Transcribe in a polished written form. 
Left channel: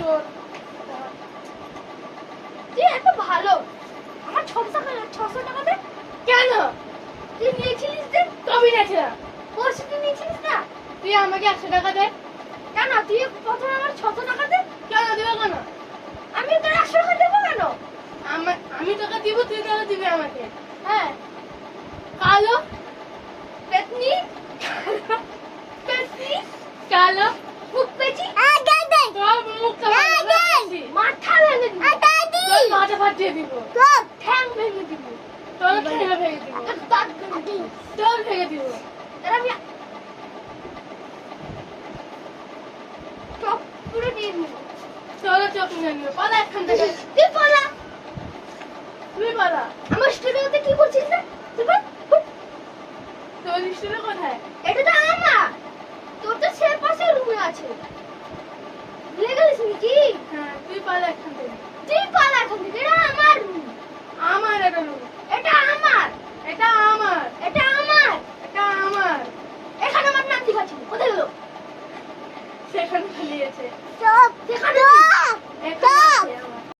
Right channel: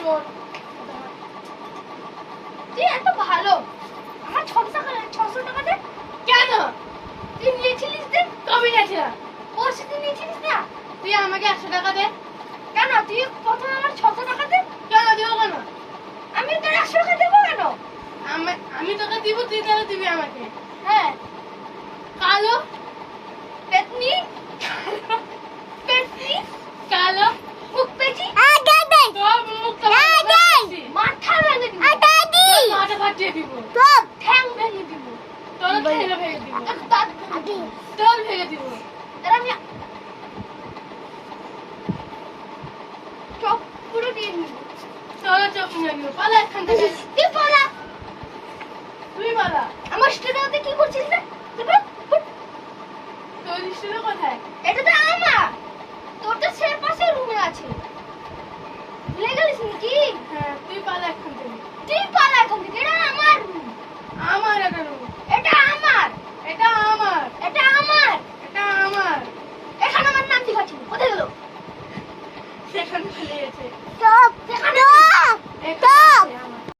চোর। তুই এত ভালো, আমার 600 টাকা দে। কেন? তুই নিয়েছিলিস যে, কবে গেছিলাম? পরশু দিন নিয়েছিলিস না? তুই আমাকে 100 টাকা দে। কেন? তুই প্রথমে আমার 600 টাকা দে। কেন দেবো কেন? আমি তোর 100 টাকা দেবো কেন? আমি তোকে দিব, তুই তাহলে দিবি আমাকে। হ্যাঁ, কালো পেতনি, পেটলি, কালো মুখ পেঁচি, তোর মুখটা ভালো করে দিচ্ছি। মাথা ভেঙে দিব, তোর মাথা ফাটিয়ে দিব, তোর ঠ্যাং ভেঙে দিব, তোর ঠেলে ভেঙে দিব, তোর দাঁত ভেঙে দিব। তোর ভেঙে দিব। তার আমি চোখ পুরো দিয়ে নিব। তোর চোখ নিয়ে নিও, পালা এখান থেকে। তুই বলা, তুই পালা। আমার স্টুডিওতে কি করছিস না? তুই বল, বল। তোর হিসেবে কোথায়? এটা তো আমার, তোর তো সে পাশে রুমে আছে। ভুলে গেলিস নাকি? হ্যাঁ, তুই পালা এখান থেকে। তুই পালা এখান থেকে, এটা আমার রুম। আমার এটা রুম, এটা আমার, এটা আমার, এটা আমার। এটা আমার। এখানে আমার নাম দেখাচ্ছি, কোথায় গেল? সেখানে পালিয়েছে। চুপ, সেখানে এখানে